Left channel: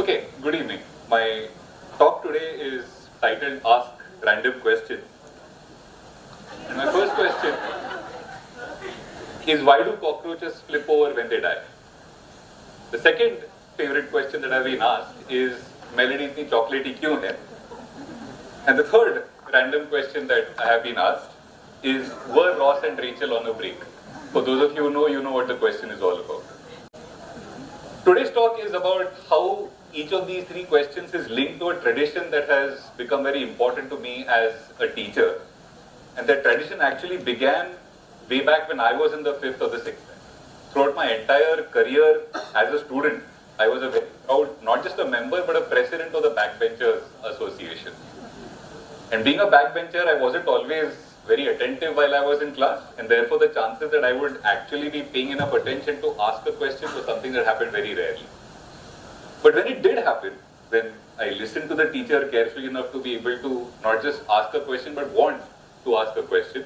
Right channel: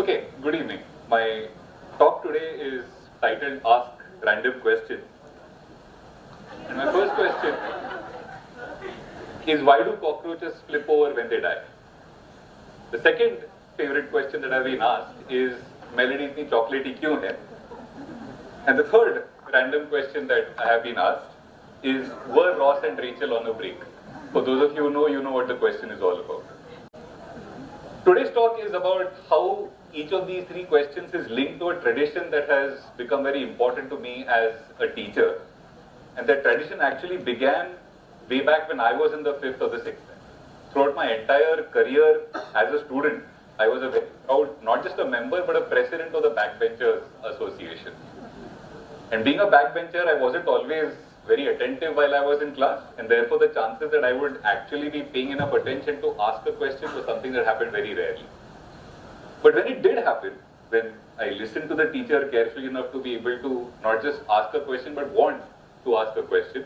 Okay, good evening. My talk today is titled Ask Random Questions. And my first question is, why do cockroaches flip over when they die? The second favorite question that I've been asked is, Melody itni chocolatey kyun hai? And the third random question that I have been asked is, were Ross and Rachel on a break? For those of you who know what the question is all about. Today's talk is about how each of these three questions is linked to a tradition that has become very important to me as a teacher. And that tradition actually began way back when I was in the 5th or the 6th. Throughout my entire career as a student, I was a very proud, not just a member, but a president of the Backbenchers Association. And being a backbencher, I wasn't always very attentive while I was in class, and therefore the chances that I would actually be paying enough attention to ask a question was something that happened very rarely. But when it did happen, when I listened to the teacher carefully enough to be able to not just ask a question, but want to ask a question,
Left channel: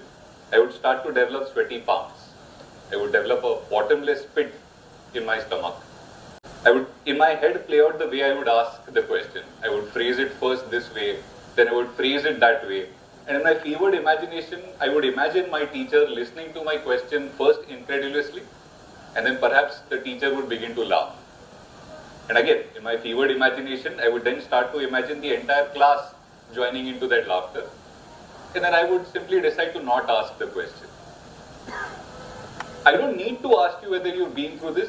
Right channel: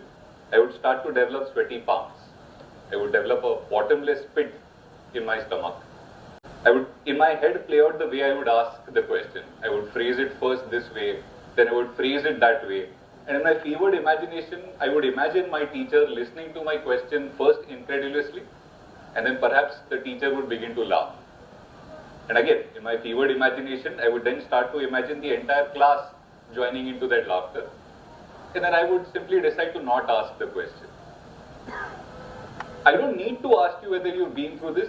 I would start to develop sweaty palms. I would develop a bottomless pit in my stomach. I would, in my head, play out the way I would ask the question. I would phrase it first this way, then I would phrase it that way. And in my fevered imagination, I would imagine my teacher listening to my question first incredulously, and then perhaps the teacher would begin to laugh. And again, in my fevered imagination, I would then start to imagine the entire class joining into that laughter. And then I would simply decide to not ask the question. I don't need to ask you whether you've been through this.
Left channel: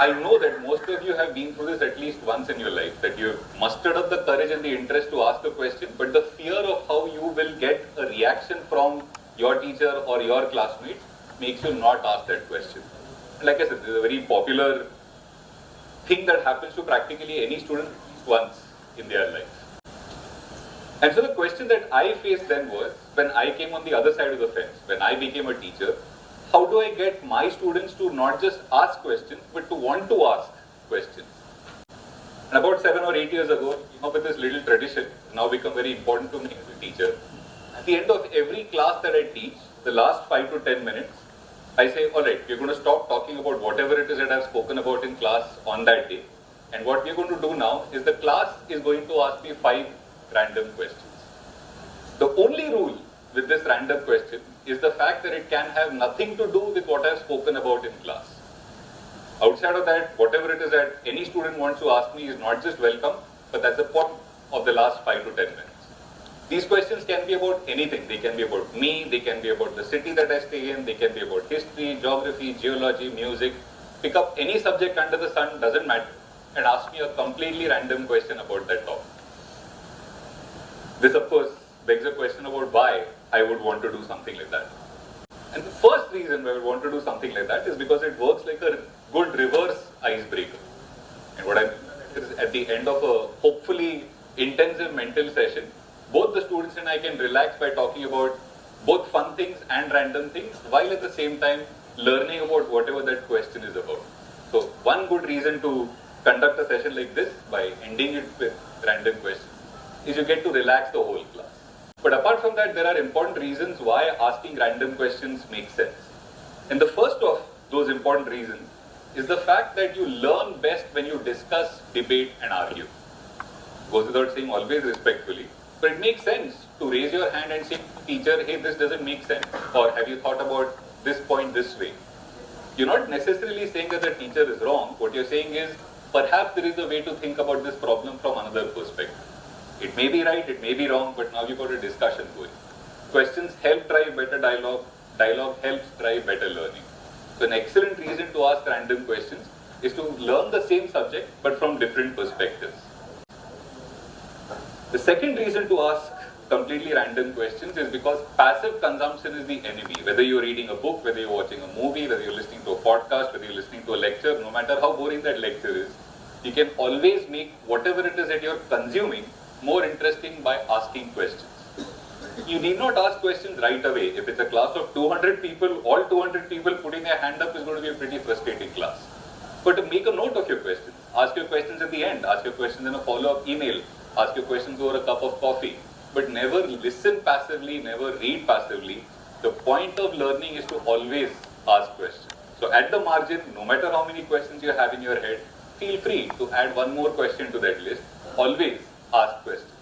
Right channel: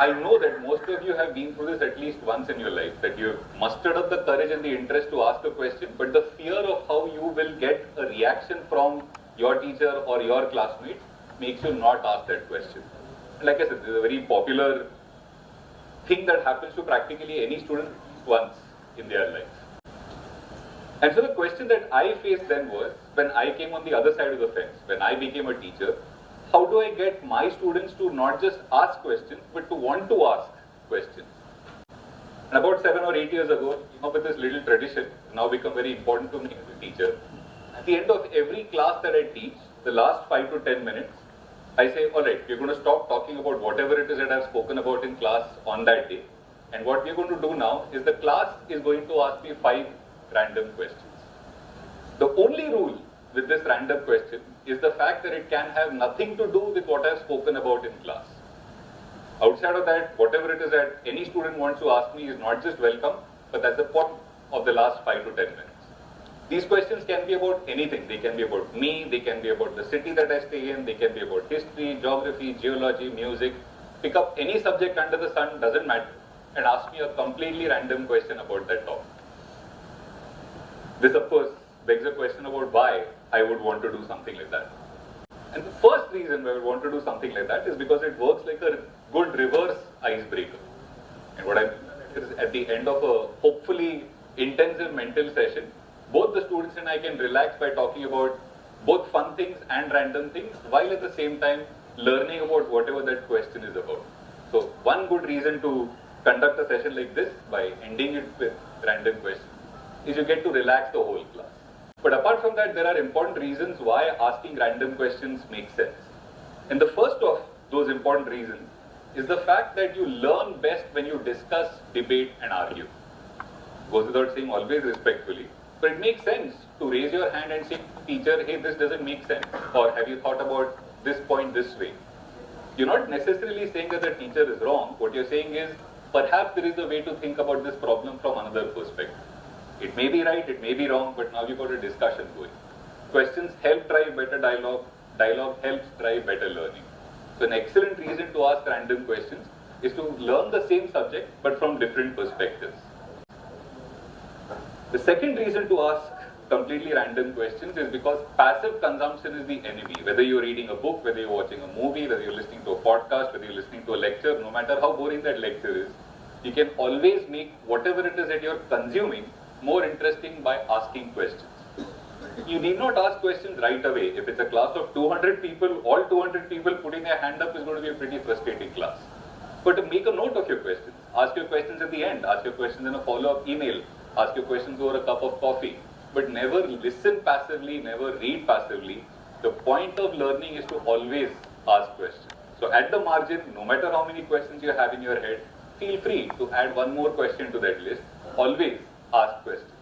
I know that most of you have been through this at least once in your life, that you've mustered up the courage and the interest to ask a question, but the fear of how you will get a reaction from your teacher or your classmate makes you not ask that question. And like I said, this is a very popular thing that happens to practically any student once in their life. And so the question that I faced then was, when I came on the other side of the fence, when I became a teacher, how do I get my students to not just ask questions, but to want to ask questions? And about 7 or 8 years ago, I came up with this little tradition, now become very important to me as a teacher. At the end of every class that I teach, the last 5 to 10 minutes, I say, all right, we're going to stop talking about whatever it is that I've spoken about in class on that day. And what we're going to do now is the class is going to ask me 5 random questions. The only rule with this random question is the fact that it can have nothing to do with what I've spoken about in class. Outside of that, whatever it is that any student wants to ask me is not just welcome, but that's the point of the last 5 to 10 minutes. These questions can be about anything. They can be about me, they can be about the city that I stay in, they can be about history, geography, geology, music. Pick up any subject under the sun, doesn't matter, and ask me a completely random question about that topic. This, of course, begs a question about why I would want to do something like that. And the first reason why I would want to do something like that is because it works like a good reverse icebreaker. And what I mean is, at the end of a hopefully intensive mental session, both the students and I can relax by talking about both fun things and random things, while at the same time learning about whatever that question is about. So one good reason to conduct a session like this, by ending it with random questions, is you get to relax the whole class. But apart from that, there are important reasons why asking random questions makes sense. And the first of those important reasons is the fact that you learn best when you discuss, debate, and argue. Goes without saying, always respectfully. But it makes sense to raise your hand and say, teacher, hey, this doesn't make sense. Or have you thought about this point this way? You're not necessarily saying that the teacher is wrong. What you're saying is, perhaps there is a way to think about this problem from another perspective. It may be right, it may be wrong, but now you've got a discussion going. Questions help drive better dialogue. Dialogue helps drive better learning. So an excellent reason to ask random questions is to learn the same subject, but from different perspectives. The second reason to ask completely random questions is because passive consumption is the enemy. Whether you're reading a book, whether you're watching a movie, whether you're listening to a podcast, whether you're listening to a lecture, no matter how boring that lecture is, you can always make whatever it is that you're consuming more interesting by asking questions. You need not ask questions right away. If it's a class of 200 people, all 200 people putting their hand up is going to be a pretty frustrating class. But to make a note of your questions, ask your questions at the end, ask your questions in a follow-up email, ask your questions over a cup of coffee, but never listen passively, never read passively. The point of learning is to always ask questions. So at the margin, no matter how many questions you have in your head, feel free to add one more question to that list. Always ask questions.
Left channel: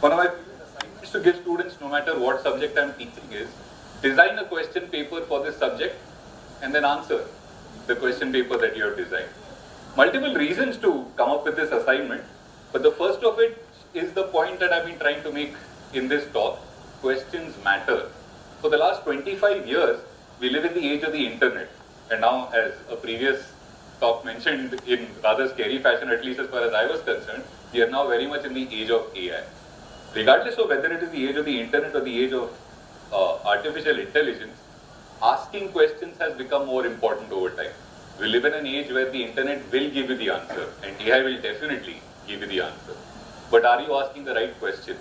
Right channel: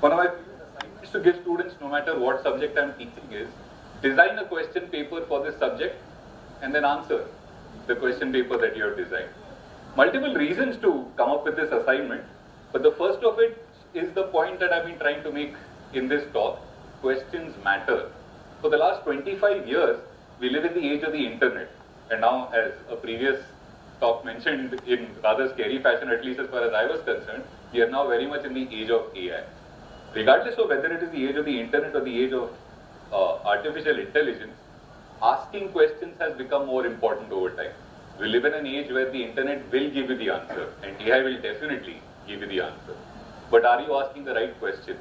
One of my assignments to give students, no matter what subject I'm teaching, is design a question paper for this subject and then answer the question paper that you have designed. Multiple reasons to come up with this assignment, but the first of it is the point that I've been trying to make in this talk. Questions matter. For the last 25 years, we live in the age of the internet. And now, as a previous talk mentioned in rather scary fashion, at least as far as I was concerned, we are now very much in the age of AI. Regardless of whether it is the age of the internet or the age of artificial intelligence, asking questions has become more important over time. We live in an age where the internet will give you the answer, and AI will definitely give you the answer. But are you asking the right question?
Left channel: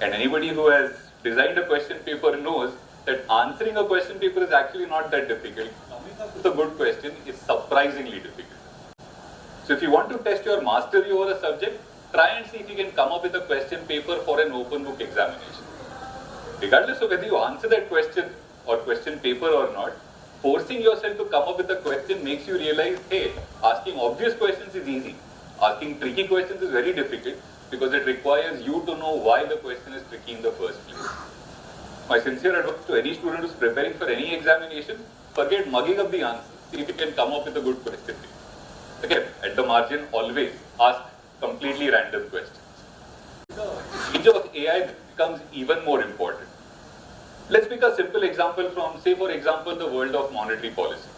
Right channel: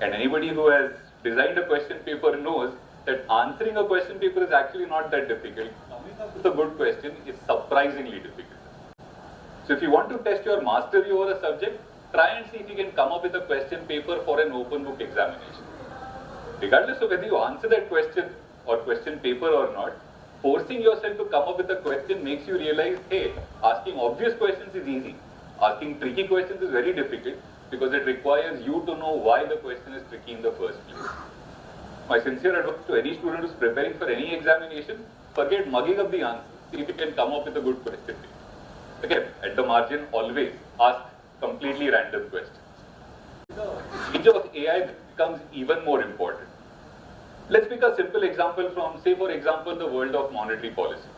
And anybody who has designed a question paper knows that answering a question paper is actually not that difficult. Coming up with a good question is surprisingly difficult. So if you want to test your mastery over a subject, try and see if you can come up with a question paper for an open book examination. Regardless of whether you answer that question or question paper or not, forcing yourself to come up with a question makes you realize, hey, asking obvious questions is easy. Asking tricky questions is very difficult because it requires you to know why the question is tricky in the first place. My sincere advice to any student who's preparing for any examination, forget mugging up the answer. See if you can come up with a good question. Again, at the margin, always ask completely random questions. The age of AI becomes even more important. Let's pick a simple example from, say for example, the world of monetary policy.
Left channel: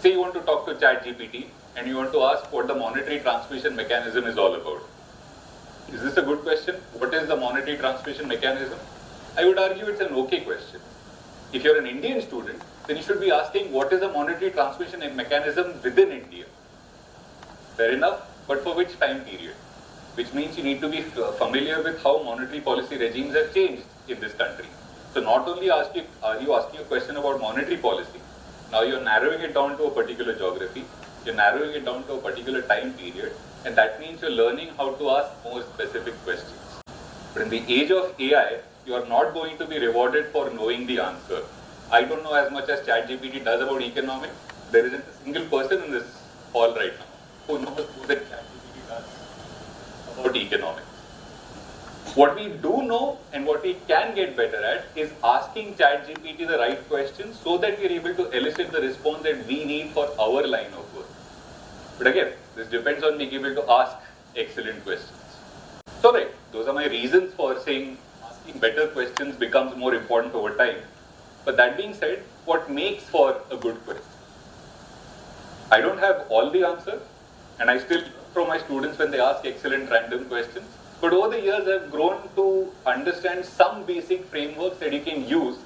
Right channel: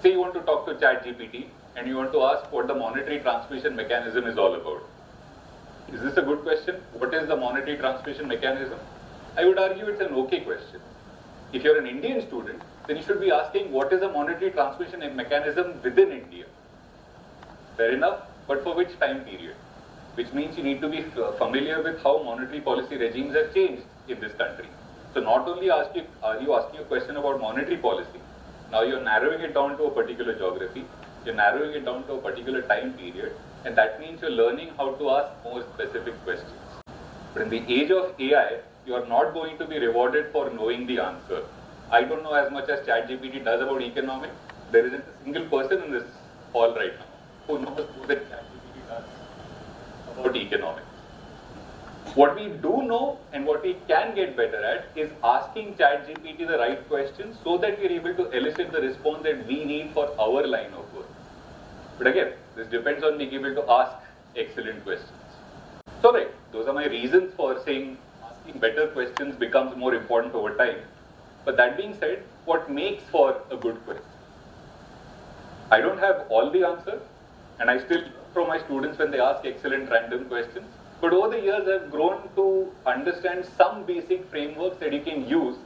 Say you want to talk to ChatGPT and you want to ask what the monetary transmission mechanism is all about. Is this a good question? What is the monetary transmission mechanism? I would argue it's an okay question. If you're an Indian student, then you should be asking what is a monetary transmission mechanism within India. Fair enough, but for which time period? Which means you need to be familiar with how monetary policy regimes have changed in this country. So not only are you asking a question about monetary policy, now you're narrowing it down to a particular geography, you're narrowing it down to a particular time period, and that means you're learning how to ask more specific questions. But in the age of AI, you are not going to be rewarded for knowing the answer. I don't know as much as ChatGPT does about economics. There isn't a single person in this hall right now who knows more than ChatGPT does about economics. What we do know and what we can get better at is asking ChatGPT the right questions so that we are able to elicit the response that we need for our line of work. But again, this depends on being able to ask excellent questions. So right, those are my reasons for saying asking better questions becomes more important over time. But that being said, what makes for a good question? I don't have all the answers, and I still learn from my students when they ask excellent random questions. But over the years, I've grown to understand some basic frameworks that you can use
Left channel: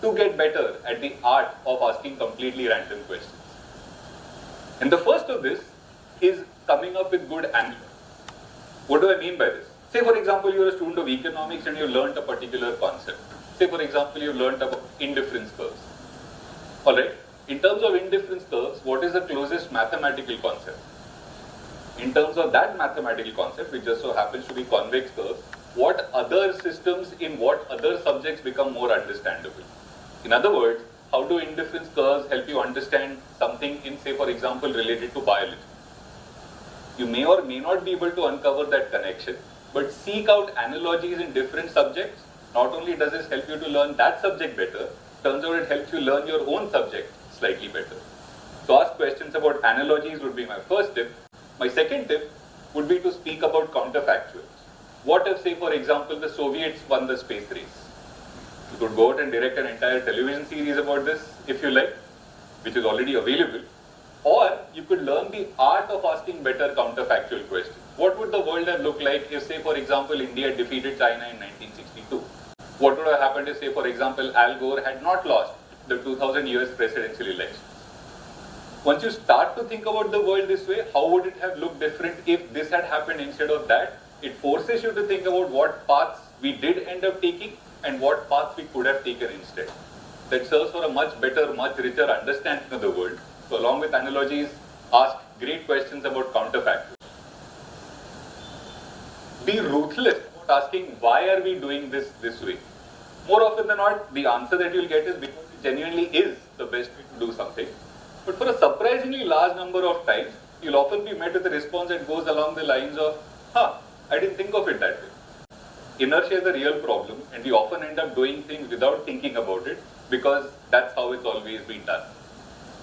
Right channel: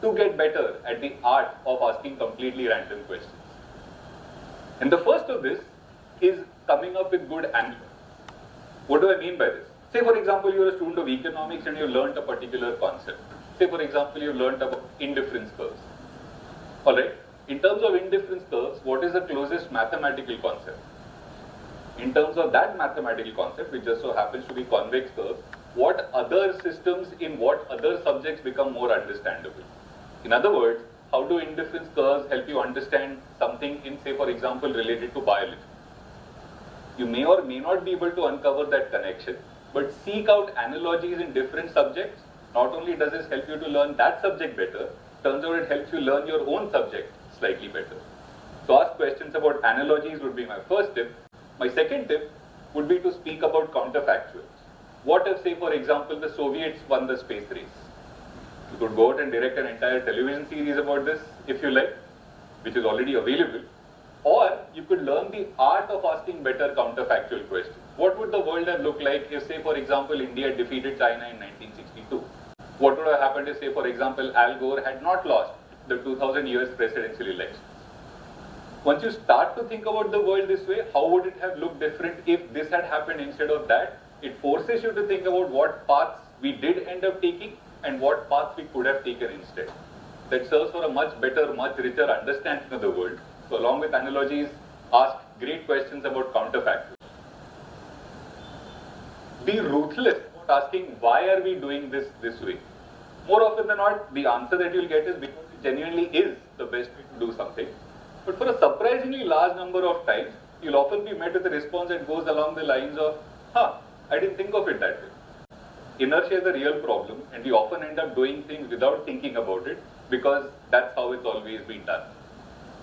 to get better at the art of asking completely random questions. And the first of this is coming up with good analogs. What do I mean by this? Say, for example, you're a student of economics and you learned a particular concept. Say, for example, you learned about indifference curves. All right. In terms of indifference curves, what is the closest mathematical concept? In terms of that mathematical concept, which just so happens to be convex curves, what other systems in what other subjects become more understandable? In other words, how do indifference curves help you understand something in, say, for example, related to biology? You may or may not be able to uncover that connection, but seek out analogies in different subjects. Not only does this help you to learn that subject better, turns out it helps you learn your own subject slightly better. So ask questions about analogies would be my first tip. My second tip would be to speak about counterfactuals. What if, say, for example, the Soviets won the space race? You could go out and direct an entire television series about this, if you like, which is already available. Or you could learn the art of asking better counterfactual questions. What would the world have looked like if, say, for example, India defeated China in 1962? What would have happened if, say, for example, Al Gore had not lost the 2000 US presidential election? Once you start to think about the world this way, how would it have looked different if this had happened instead of that? It forces you to think about what paths we did end up taking and what paths we could have taken instead. That serves for a much better, much richer understanding of the world. So along with analogies, ask great questions about counterfactuals. Be ruthless about asking why are we doing this way. More often than not, the answer that you'll get is because it genuinely is the best way to do something. But for a surprisingly large number of times, you'll often be met with a response that goes along the lines of, I didn't think of it that way. Inertia is a real problem, and we often end up doing things without thinking about it because that's how it's always been done.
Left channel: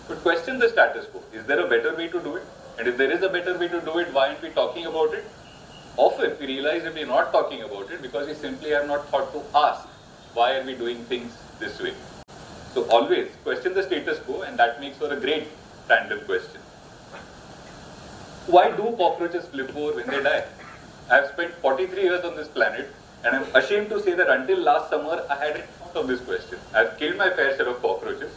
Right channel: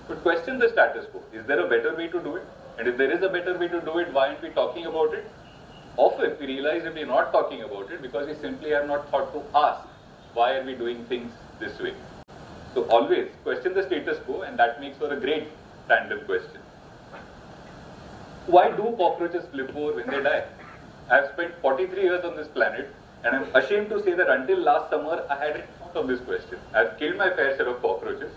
But question the status quo. Is there a better way to do it? And if there is a better way to do it, why aren't we talking about it? Often we realize that we're not talking about it because we simply have not thought to ask, why are we doing things this way? So always question the status quo, and that makes for a great random question. Why do cockroaches flip over when they die? I've spent 43 years on this planet, and I'm ashamed to say that until last summer, I hadn't thought of this question. I've killed my fair share of cockroaches.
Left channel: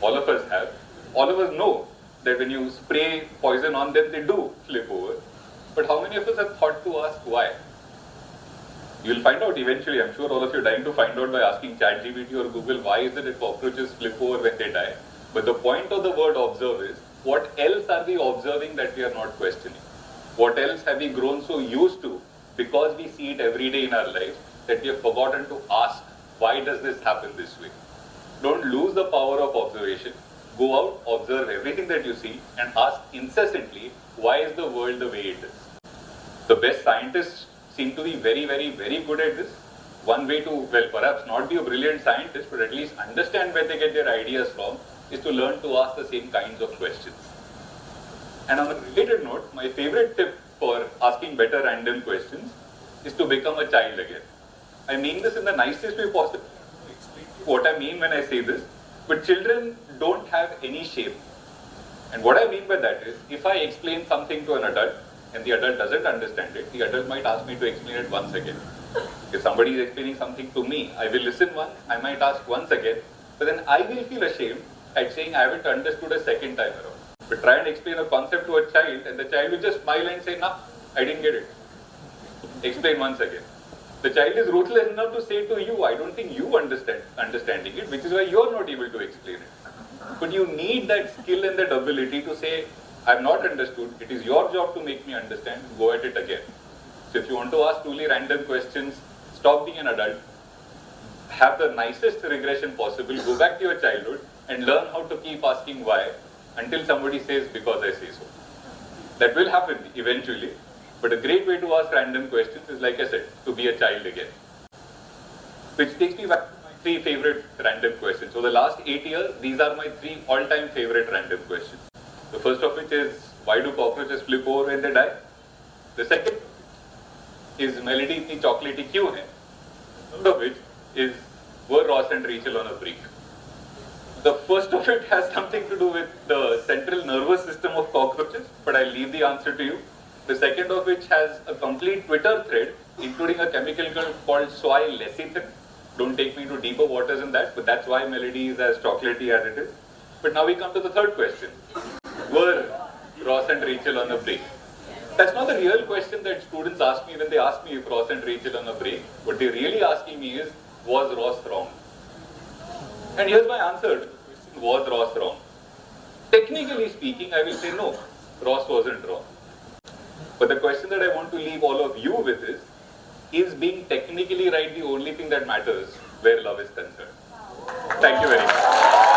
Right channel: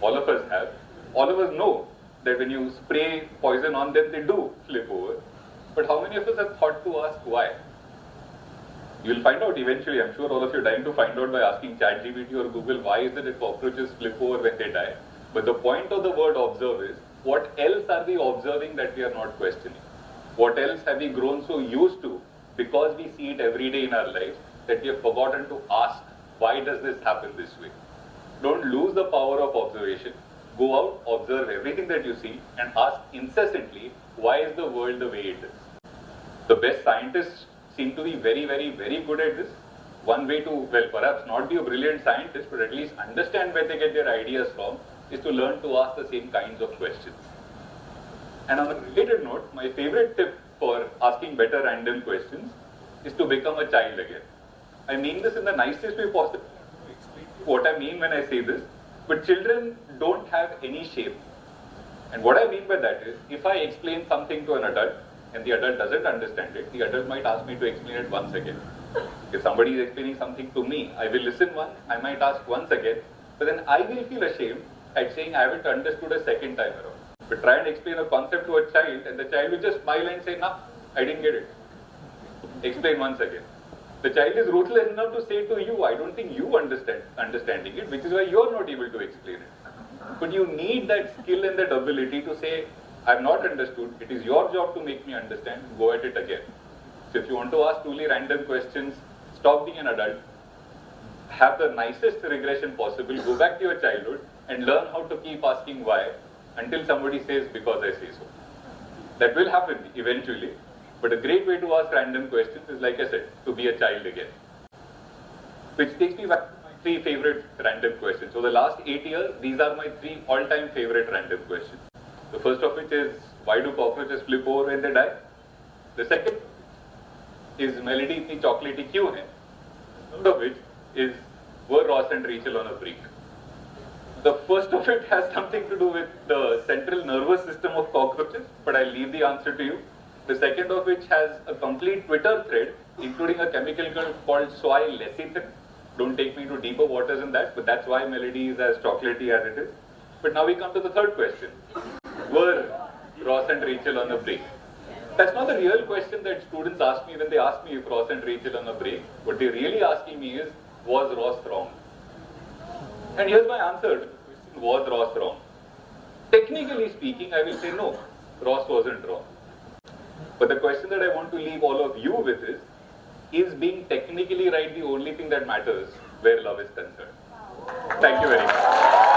All of us have. All of us know that when you spray poison on them, they do flip over. But how many of us have thought to ask why? You'll find out eventually. I'm sure all of you are dying to find out by asking ChatGPT or Google, why is it that cockroaches flip over when they die? But the point of the word observe is, what else are we observing that we are not questioning? What else have we grown so used to because we see it every day in our lives that we have forgotten to ask, why does this happen this way? Don't lose the power of observation. Go out, observe everything that you see, and ask incessantly, why is the world the way it is? The best scientists seem to be very, very, very good at this. One way to, well, perhaps not be a brilliant scientist, but at least understand where they get their ideas from, is to learn to ask the same kinds of questions. And on a related note, my favorite tip for asking better random questions is to become a child again. I mean this in the nicest way possible. What I mean when I say this, but children don't have any shame. And what I mean by that is, if I explain something to an adult and the adult doesn't understand it, the adult might ask me to explain it once again. If somebody is explaining something to me, I will listen once, I might ask once again, but then I will feel ashamed at saying I haven't understood a second time around. But try and explain a concept to a child and the child will just smile and say, nah, I didn't get it. Explain once again. The child is ruthless enough to say to you, I don't think you understanding it, which is why you're not able to explain it. But you need that skill and that ability to say, I've not understood, it is your job to make me understand, go at it again. So if you want to ask truly random questions, stop being an adult, have the nicest regression possible, go back to your childhood and learn how to keep asking why until somebody says, because I say so. That will happen eventually. But a great way to ask random questions is, like I said, to be a child again. Which takes me back to my 3 favorite random questions. So the last 8 years, these are my 3 all-time favorite random questions. The first of which is, why do cockroaches flip over when they die? The second is, melody itni chocolatey kyun hai? The third of which is, were Ross and Rachel on a break? The first of it has something to do with the central nervous system of cockroaches, but I'll leave the answer to you. The second of which has a complete Twitter thread, including a chemical called soy lecithin. Don't take me to deeper waters in that, but that's why melody is as chocolatey as it is. But now we come to the third question. Were Ross and Rachel on a break? That's not the real question that students ask me when they ask me if Ross and Rachel on a break. What they're really asking me is, was Ross wrong? And here's my answer. Was Ross wrong? Technically speaking, I will say no, Ross wasn't wrong. But the question that I want to leave all of you with is being technically right the only thing that matters where love is concerned? Thank you very much.